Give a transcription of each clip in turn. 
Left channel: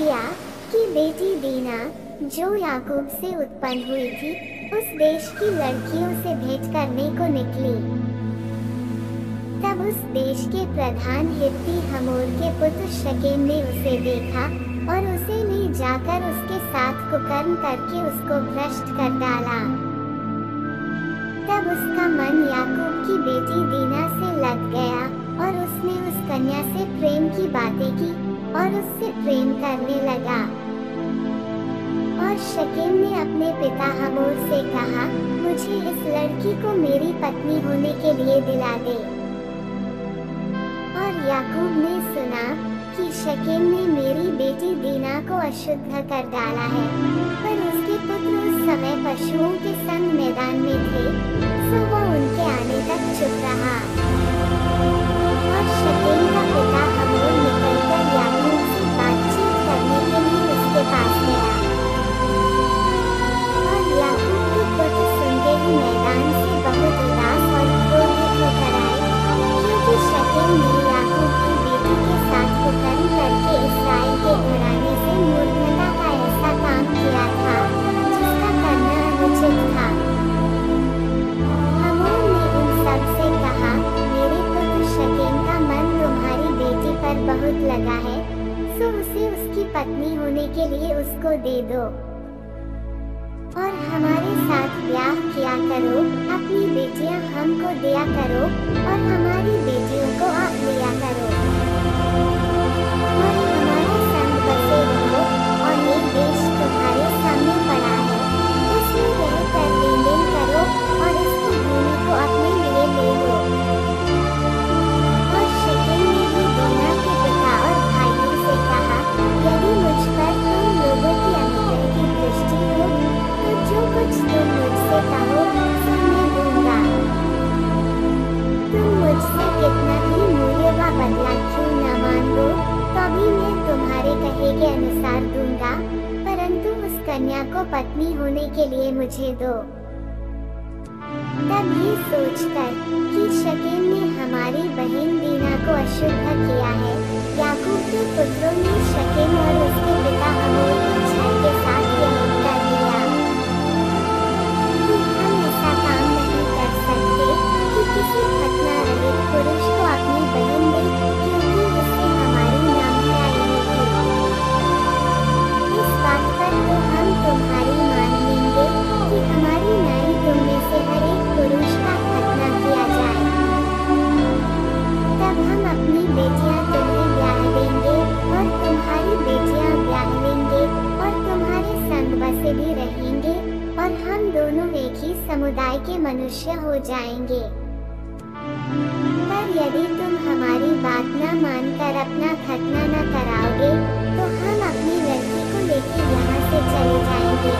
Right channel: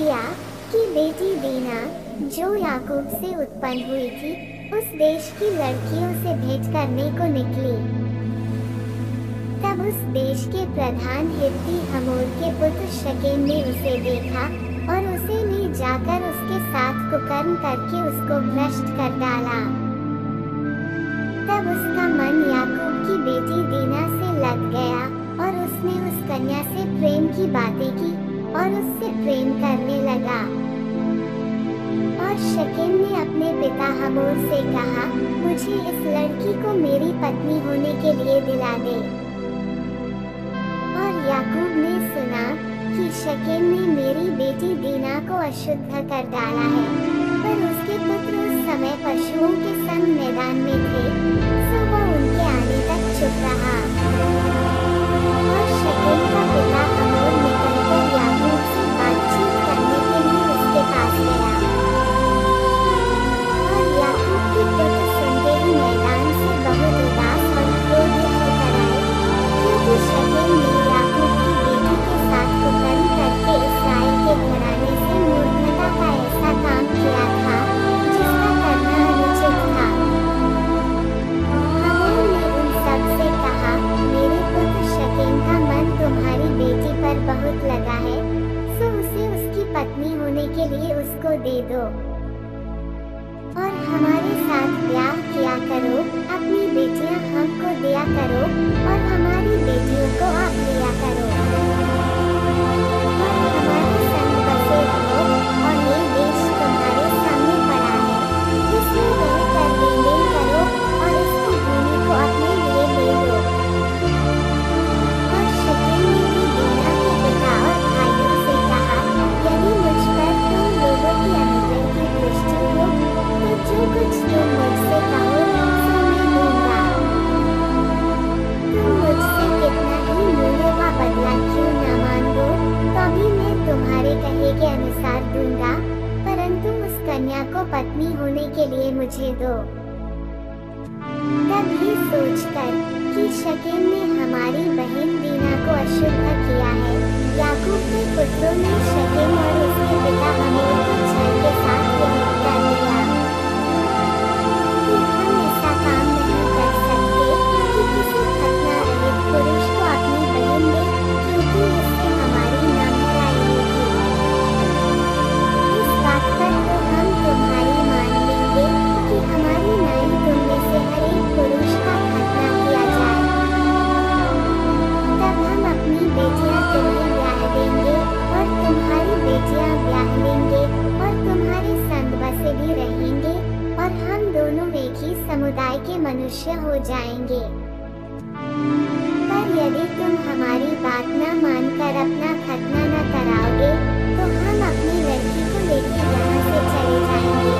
लिया कि बेटी दीना जो याकूब से उत्पन्न हुई थी उस देश की लड़कियों से भेंट करने को निकली। तब उस देश के प्रधान हित्ती हमोर के पुत्र शकेम ने उसे देखा और उसे ले जाकर उसके साथ कुकर्म करके उसको भ्रष्ट कर डाला। तब उसका मन याकूब की बेटी दीना से लग गया और उसने उस कन्या से प्रेम की बातें की और उससे प्रेम करने लगा। और शकेम ने अपने पिता हमोर से कहा, मुझे इस लड़की को मेरी पत्नी होने के लिए दिला दे। और याकूब ने सुना कि शकेम ने मेरी बेटी दीना को अशुद्ध कर डाला है, पर उसके पुत्र उस समय पशुओं के संग मैदान में थे, सो वह उनके आने तक चुप रहा। और शकेम का पिता हमोर निकलकर याकूब से बातचीत करने के लिए उसके पास गया। और याकूब के पुत्र सुनते ही मैदान से बहुत उदास और क्रोधित होकर आए, क्योंकि शकेम ने याकूब की बेटी के साथ कुकर्म करके इस्राएल के घराने से मूर्खता का ऐसा काम किया था जिसका करना अनुचित था। हमोर ने उन सब से कहा, मेरे पुत्र शकेम का मन तुम्हारी बेटी पर बहुत लगा है, सो उसे उसकी पत्नी होने के लिए उसको दे दो और हमारे साथ ब्याह किया करो। अपनी बेटियां हमको दिया करो और हमारी बेटियों को आप लिया करो और हमारे संग बसे रहो। और ये देश तुम्हारे सामने पड़ा है, इसमें रहकर लेन देन करो और इसकी भूमि को अपने लिए ले लो। और शकेम ने भी दीना के पिता और भाइयों से कहा, यदि मुझ पर तुम लोगों की अनुग्रह की दृष्टि हो तो जो कुछ तुम मुझसे कहो सो मैं दूंगा। तुम मुझसे कितना ही मूल्य व बदला क्यों न मांगो, तो भी मैं तुम्हारे कहे के अनुसार दूंगा, परंतु उस कन्या को पत्नी होने के लिए मुझे दो। तब ये सोचकर कि शकेम ने हमारी बहन दीना को अशुद्ध किया है, याकूब के पुत्रों ने शकेम और उसके पिता हमोर को छल के साथ यह उत्तर दिया कि हम ऐसा काम नहीं कर सकते कि किसी खतना रहित पुरुष को अपनी बहन दे, क्योंकि इससे हमारी नामधराई होगी। इस बात पर तो हम तुम्हारी मान लेंगे कि हमारी नाई तुम में से हर एक पुरुष का खतना किया जाए, तब हम अपनी बेटियां तुम्हें ब्याह देंगे और तुम्हारी बेटियां ब्याह लेंगे और तुम्हारे संग बसे भी रहेंगे और हम दोनों एक ही समुदाय के मनुष्य हो जाएंगे। पर यदि तुम हमारी बात न मानकर अपना खतना न कराओगे तो हम अपनी लड़की को लेकर यहाँ से चले जाएंगे।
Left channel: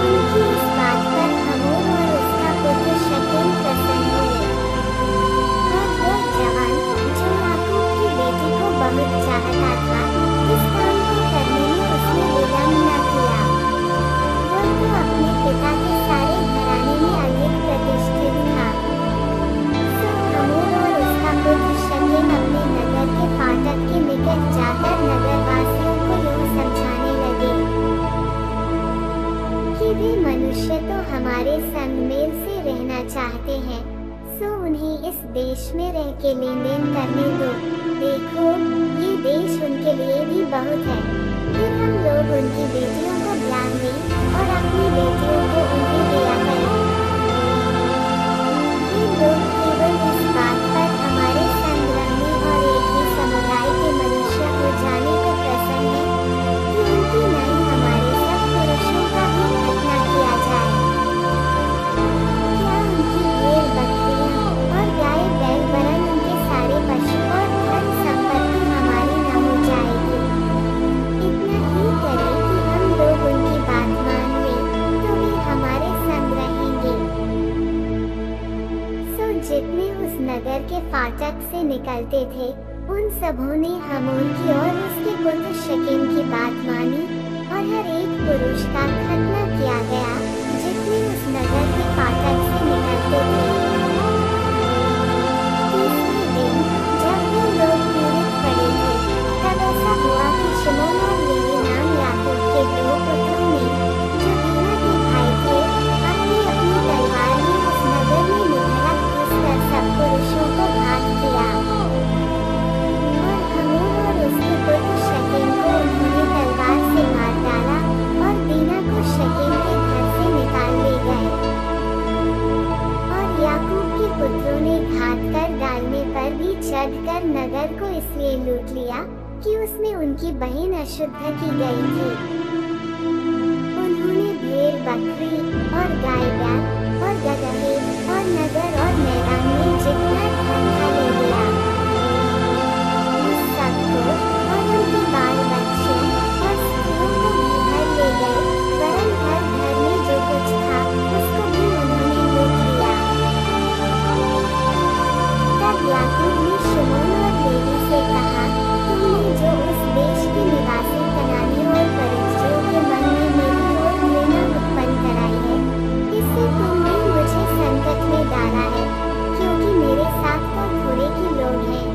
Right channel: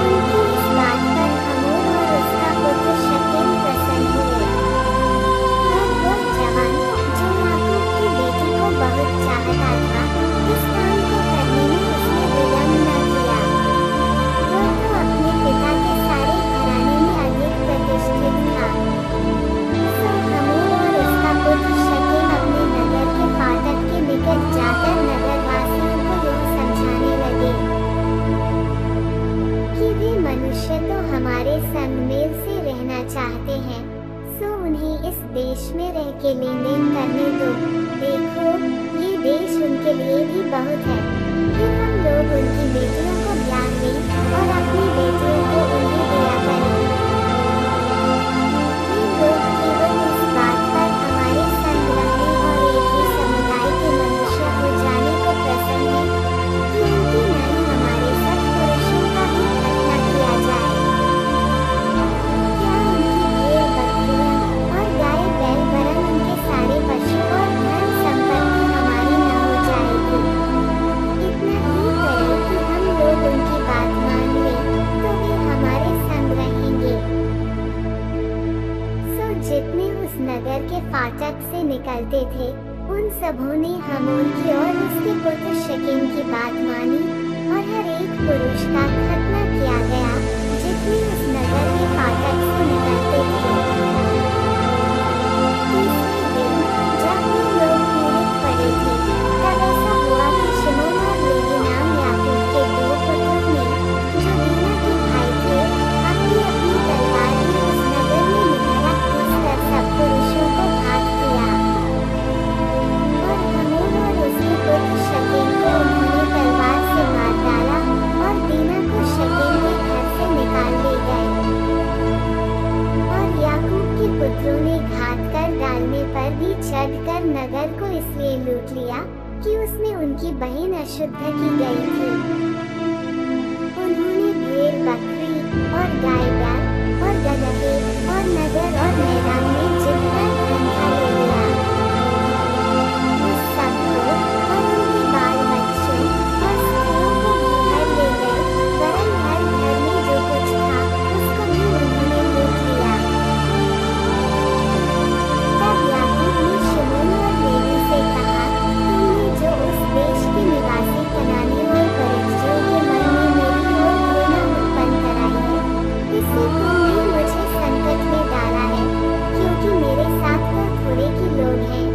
उनकी इस बात पर हमोर और उसका पुत्र शकेम प्रसन्न हुए। और वह जवान जो याकूब की बेटी को बहुत चाहता था, इस काम को करने में उसने विलम्ब न किया। वह तो अपने पिता के सारे घराने में अधिक प्रतिष्ठित था। सो हमोर और उसका पुत्र शकेम अपने नगर के फाटक के निकट जाकर नगरवासियों को यूं समझाने लगे कि वे मनुष्य तो हमारे संग मेल से रहना चाहते हैं, सो उन्हें इस देश में रह के लेन देन करने दो। देखो, ये देश उनके लिए भी बहुत है, फिर हम लोग उनकी बेटियों को ब्याह लें और अपनी बेटियों को उन्हें दिया करें। वे लोग केवल इस बात पर हमारे संग रहने और एक ही समुदाय के मनुष्य हो जाने को प्रसन्न है कि उनकी नाई हमारे सब पुरुषों का ही खतना किया जाए। क्या उनकी भेड़ बकरियां और गाय बैल वरन उनके सारे पशु और धन संपत्ति हमारी न हो जाएगी। इतना ही करें कि हम लोग उनकी बात मान लें तो वे हमारे संग रहेंगे। सो जितने उस नगर के फाटक से निकलते थे, उन सबों ने हमोर की और उसके पुत्र शकेम की बात मानी और हर एक पुरुष का खतना किया गया जितने उस नगर के फाटक से निकलते थे। तीसरे दिन जब वे लोग पीड़ित पड़े थे, तब ऐसा हुआ कि चढ़कर नगर को इसलिए लूट लिया कि उसमें उनकी बहन अशुद्ध की गई थी। उन्होंने भेड़ बकरी और गाय बैल और गदहे और नगर और मैदान में जितना धन था ले लिया। उस सबको और उनके बाल बच्चों और स्त्रियों को भी हर ले गए, वरन हर घर में जो कुछ था उसको भी उन्होंने लूट लिया। तब याकूब ने शिमोन और लेवी से कहा, तुमने जो उस देश के निवासी कनानी और परिज्जियों के मन में मेरी ओर घृणा उत्पन्न कराई है, इससे तुमने मुझे संकट में डाला है, क्योंकि मेरे साथ तो थोड़े के लोग हैं।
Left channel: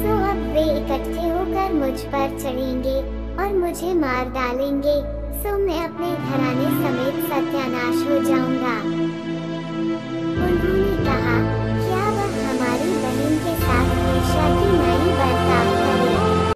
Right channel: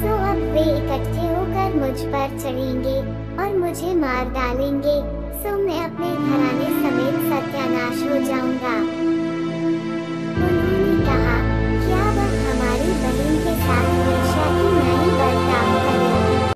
सो अब वे इकट्ठे होकर मुझ पर चढ़ेंगे और मुझे मार डालेंगे, सो मैं अपने घराने समेत सत्यानाश